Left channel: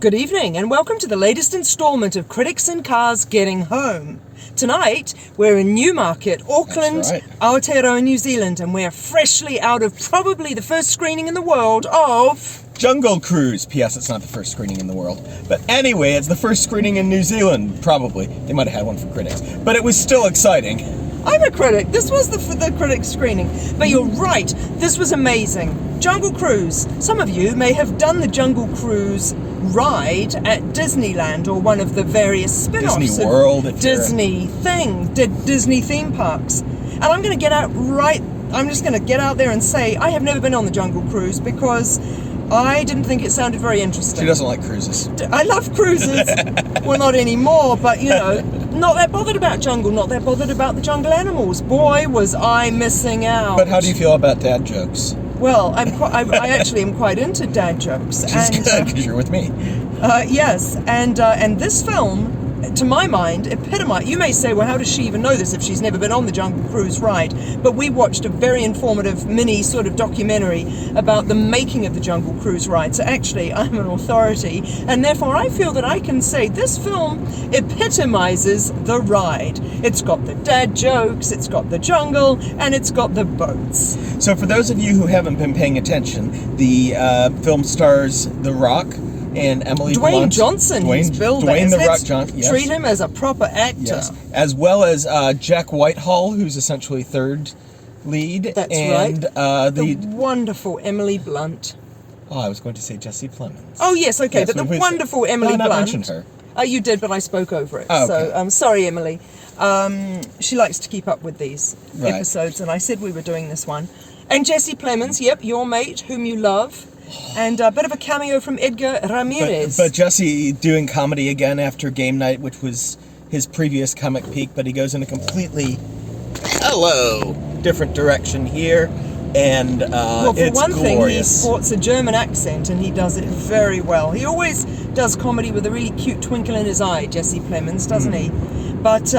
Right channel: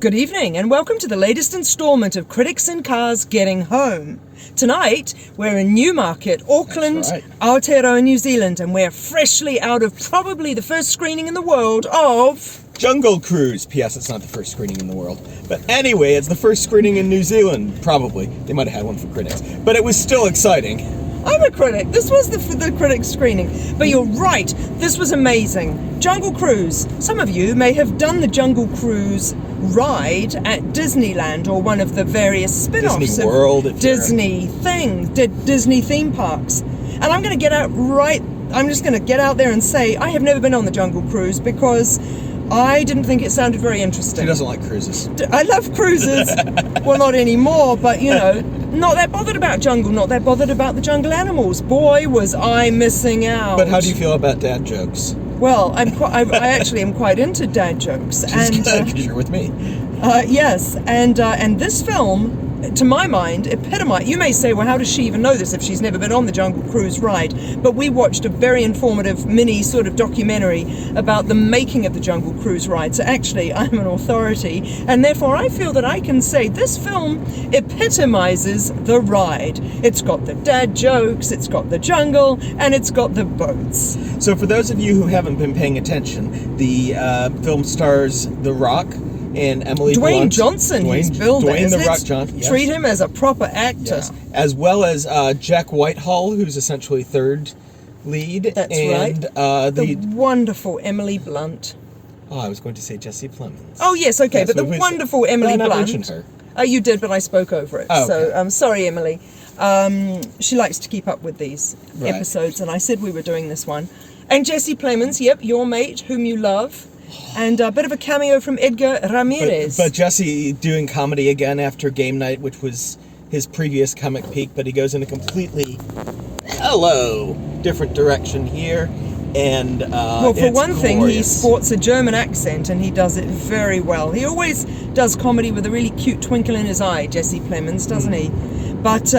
Good evening and welcome to the latest instalment of Critics in Cars Getting Home. Tonight, we're in Newmarket, Auckland, Aotearoa, New Zealand, and we're freshly out of probably the first screening in the world of... Jungle Cruise. P.S. It's not the first screening in the world. But anyway, it's the first screening in New Zealand, probably. They might have had one for critics. But it was still exciting. I'm a critic. This was the critic screening. But you're right, this was amazing. Jungle Cruise. Some of you may have done the Jungle Cruise ride at Disneyland or one of the various spin-offs Disney World, of Disney Disney theme parks. And I'm just going to get out there and say I have never been on the Jungle Cruise because I didn't think it sounded very interesting. She doesn't like cruises. I love cruises. Well, not anymore, but not that bothered about jungle, not that bothered about the jungle animals. Boy, was I missing out. But how do you feel about dad jokes? Well, I actually am quite into dad jokes. Because you're with me. Yes, and this film, to my mind, epitomized. You may say, well, how does she even know this if she's never been on the Jungle Cruise ride? But we watched a very informative mini sort of documentary about the making of the Jungle Cruise ride. So actually, I'm an authority, and therefore I feel that I can say this film epitomizes the ride. It's got the dad jokes, it's got the jungle, and it's got the boats. So for those of you who haven't been paying attention, the film stars The Rock and Emily Blunt. Dwayne Johnson, he's billed Dwayne as. The Rock Johnson, yes. Treat him as a proper actor. Yes. As well as Jack Whitehall, who's essentially third lead. That's and, right. The wonderful Emily Blunt. Oh, I was going to say Jesse Plemons. Oh, yes, okay, yes, but the wonderful Emily Blunt. I mentioned her. Oh, you did, but I spoke over it. Oh, okay. So, I'm sorry, Emily. She likes to keep up with these episodes, and I said we were doing this one. And Jesse Plemons, yep, your mate, whom you love. And a bit of a cameo from Edgar Ramirez. But Jesse doing comedy again after Game Night, which was his previous comic peak, but he goes in a completely different direction here. And well, for one glorious. thing, he sports a German accent, and he does it very well. He always does comedy with a really cute twinkle in his eye, Jesse Plemons, doesn't he? But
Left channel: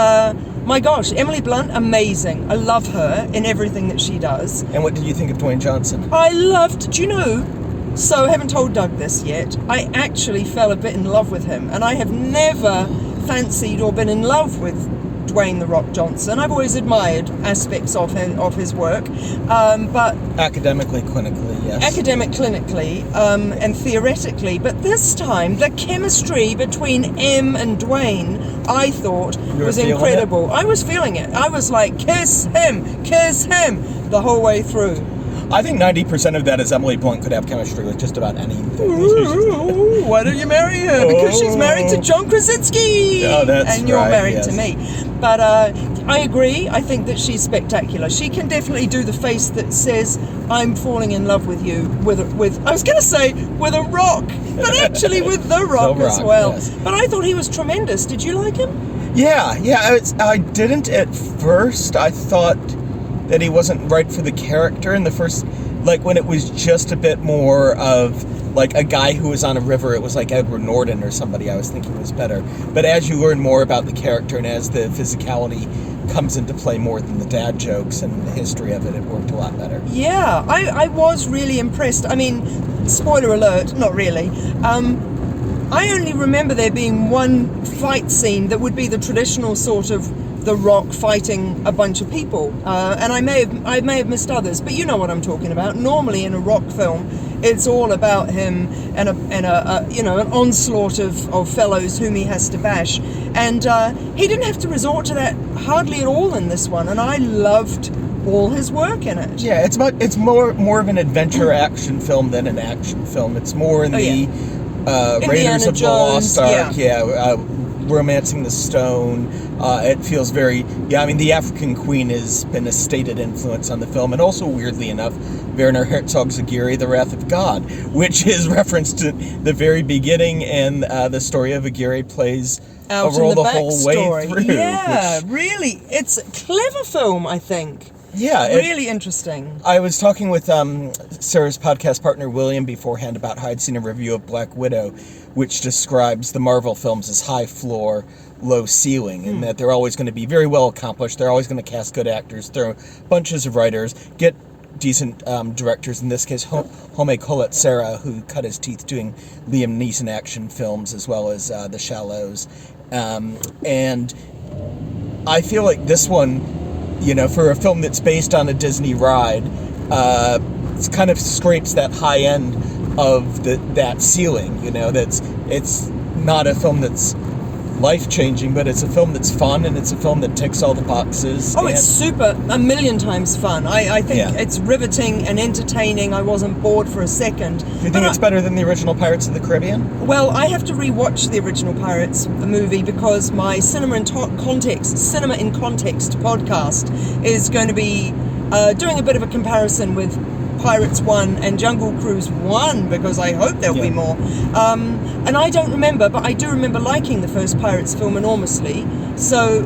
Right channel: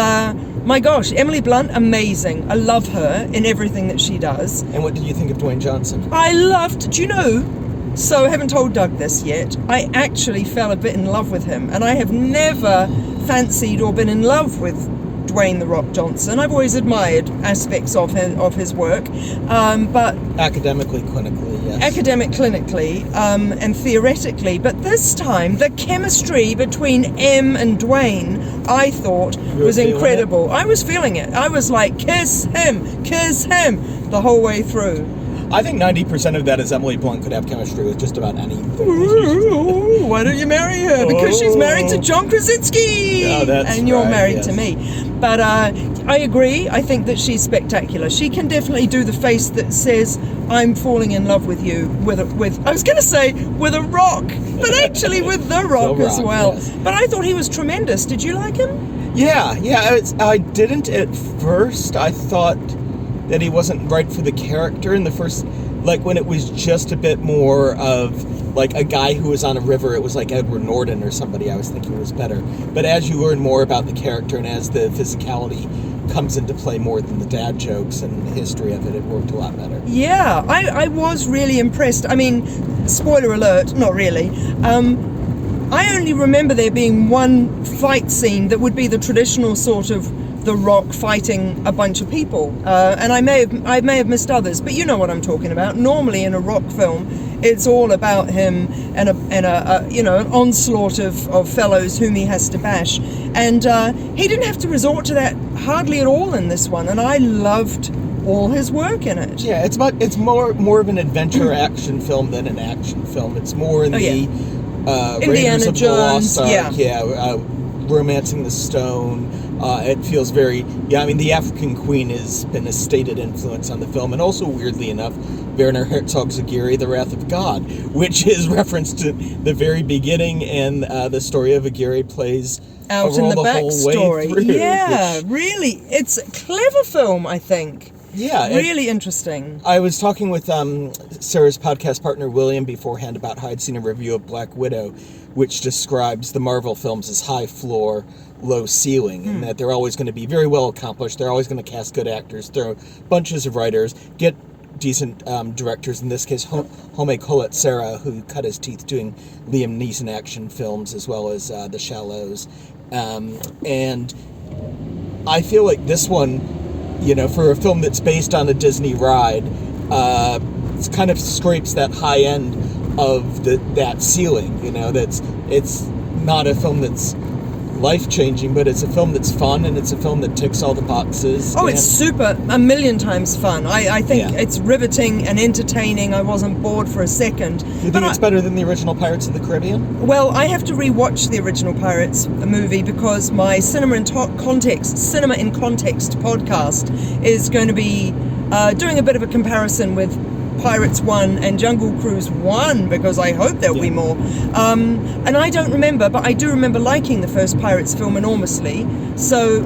my gosh, Emily Blunt, amazing. I love her in everything that she does. And what did you think of Dwayne Johnson? Do you know? So I haven't told Doug this yet. I actually fell a bit in love with him, and I have never fancied or been in love with Dwayne "The Rock" Johnson. I've always admired aspects of his work, but academically, clinically, and theoretically. But this time, the chemistry between Em and Dwayne, I thought, was incredible. I was feeling it. I was like, kiss him, the whole way through. I think 90% of that is Emily Blunt could have chemistry with just about anything. Ooh, why don't you marry her? Because she's married to John Krasinski. Oh, and you're married to me. But I agree. I think that she's spectacular. She can definitely do the face that says, I'm falling in love with you with I was going to say with a rock, but actually with The Rock as well. Yes. But I thought he was tremendous. Did you like him? Yeah. I didn't at first. I thought that he wasn't right for the character in the first, like when it was just a bit more of like a guy who was on a river. It was like Edward Norton or somebody I was thinking was better. But as you learn more about the character and as the physicality comes into play more than the dad jokes and the history of it, it worked a lot better. Yeah, I was really impressed. I mean, spoiler alert, not really. I only remember there being one fight scene that would be the traditional sort of The Rock fighting a bunch of people, and I may have missed others, but you know what I'm talking about. Normally in a Rock film, it's all about him and an onslaught of fellows whom he has to bash, and he didn't have to resort to that hardly at all in this one, and I loved all his work in it. Yeah, it's more of an adventure action film than an action film. It's more in the Raiders of the Lost Ark, Romancing the Stone. It feels very, the African Queen has been a stated influence on the film, and also, weirdly enough, Werner Herzog's Aguirre, The Wrath of God, which is referenced to the very beginning, and the story of Aguirre plays out a role in the whole way through. Yeah, really. It's a clever film, I think. Yeah. Really interesting. I was talking with Sarah's podcast partner, William, beforehand about how I'd seen a review of Black Widow, which describes the Marvel films as high floor, low ceiling, and that they're always going to be very well accomplished. They're always going to cast good actors, throw bunches of writers, get decent directors. In this case, Home Sarah, who cut his teeth doing Liam Neeson action films as well as The Shallows. And I feel like this one, you know, for a film that's based on a Disney ride, it kind of scrapes that high end of that ceiling. You know, it's not a film that's life-changing, but it's a film that's fun, and it's a film that ticks all the boxes. Oh, it's super, a million times fun. I think it's riveting and entertaining. I wasn't bored for a second. You think it's better than the original Pirates of the Caribbean? Well, I have to rewatch the original Pirates movie because my Cinema in Context podcast is going to be doing a bit of a comparison with Pirates 1 and Jungle Cruise 1, because I hope there'll be more. And I don't remember, but I do remember liking the first Pirates film enormously. So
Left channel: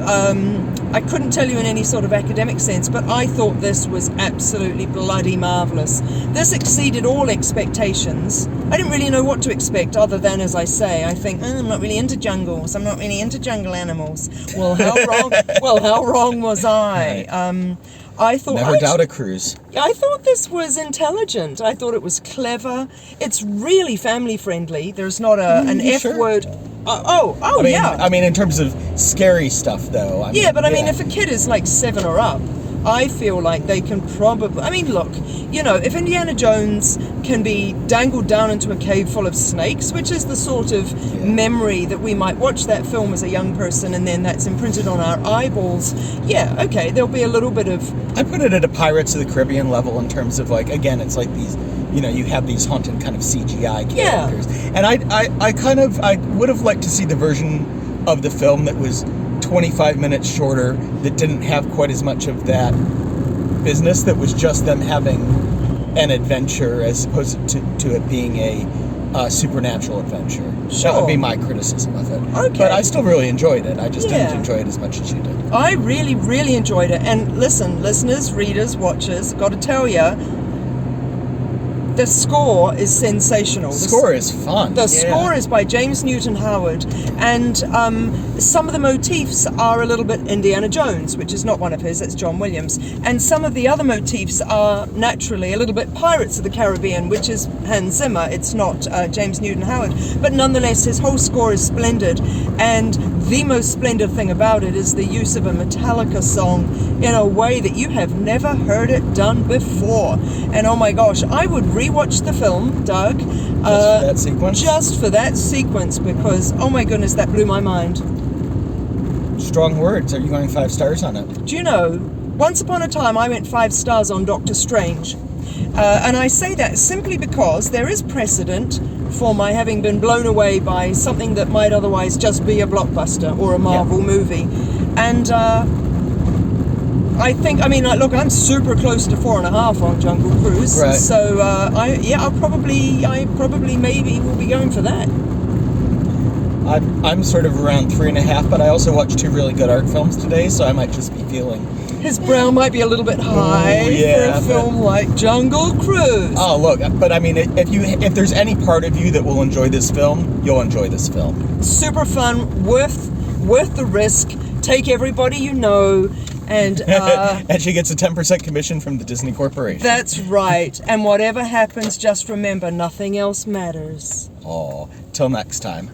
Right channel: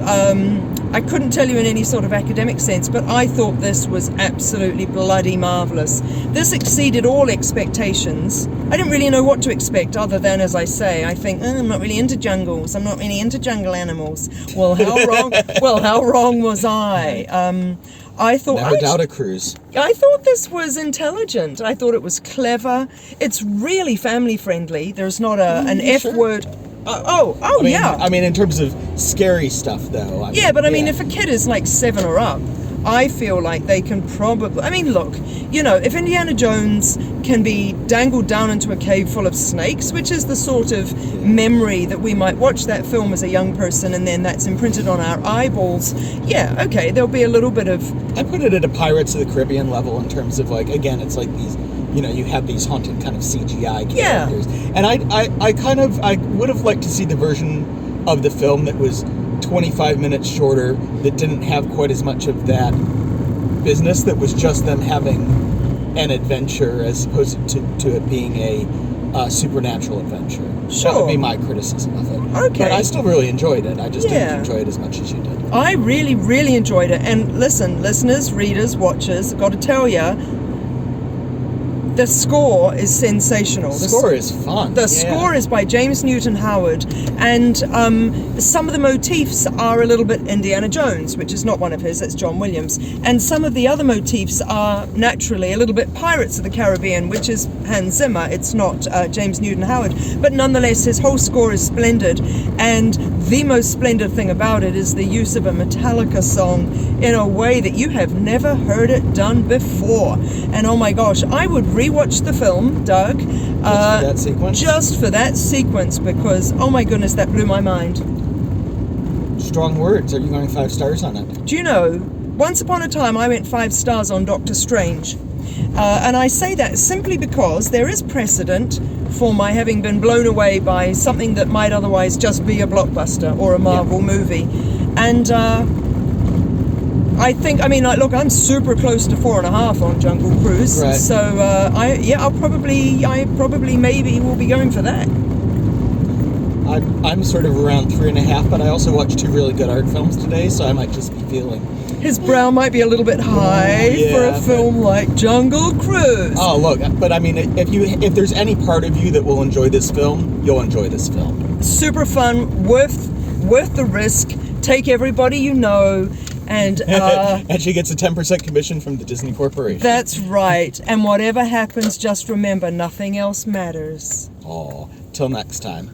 I couldn't tell you in any sort of academic sense, but I thought this was absolutely bloody marvellous. This exceeded all expectations. I didn't really know what to expect other than, as I say, I think, I'm not really into jungles. I'm not really into jungle animals. Well, how wrong? Well, how wrong was I? I thought never doubt a cruise. I thought this was intelligent. I thought it was clever. It's really family friendly. There's not an F word. I mean, in terms of scary stuff, though. I mean, if a kid is like 7 or up, I feel like they can probably... I mean, look, you know, if Indiana Jones can be dangled down into a cave full of snakes, which is the sort of memory that we might watch that film as a young person, and then that's imprinted on our eyeballs, okay, there'll be a little bit of... I put it at a Pirates of the Caribbean level in terms of, like, again, it's like these... You know, you have these haunted kind of CGI characters. Yeah. And I would have liked to see the version of the film that was 25 minutes shorter, that didn't have quite as much of that business, that was just them having an adventure as opposed to it being a supernatural adventure. Sure. That would be my criticism of it. Okay. But I still really enjoyed it. I just didn't enjoy it as much as you did. I really, really enjoyed it. And listen, listeners, readers, watchers, I've got to tell you, the score is sensational. The score is fun. The score is by James Newton Howard, and some of the motifs are a little bit Indiana Jones, which is not one of his, that's John Williams. And some of the other motifs are naturally a little bit Pirates of the Caribbean, which is Hans Zimmer. It's not James Newton Howard. But nonetheless, his whole score is splendid, and the most splendid thing about it is the use of a Metallica song in a way that you have never heard it done before. And oh my gosh, I would rewatch the film, Doug. Just for that sequence? Just for that sequence, because, oh my goodness, that blew my mind. Strong words. Are you going 5 stars on it? Do you know, once upon a time I went 5 stars on Doctor Strange. And I say that simply because there is precedent for my having been blown away by something that might otherwise just be a blockbuster or a Marvel movie. And I think, I mean, like, look, I'm super close to 4.5 on Jungle Cruise, right. So I probably maybe will be going for that. I'm sort of around 3.5, but I also watched 2 really good art films today, so I might just be feeling... His brow might be a little bit high for a film like Jungle Cruise. Oh, look, but I mean, if there's any part of you that will enjoy this film, you'll enjoy this film. Super fun, worth the risk. Take everybody you know. And and she gets a 10% commission from the Disney Corporation. That's right. And whatever happens, just remember, nothing else matters. Oh, till next time.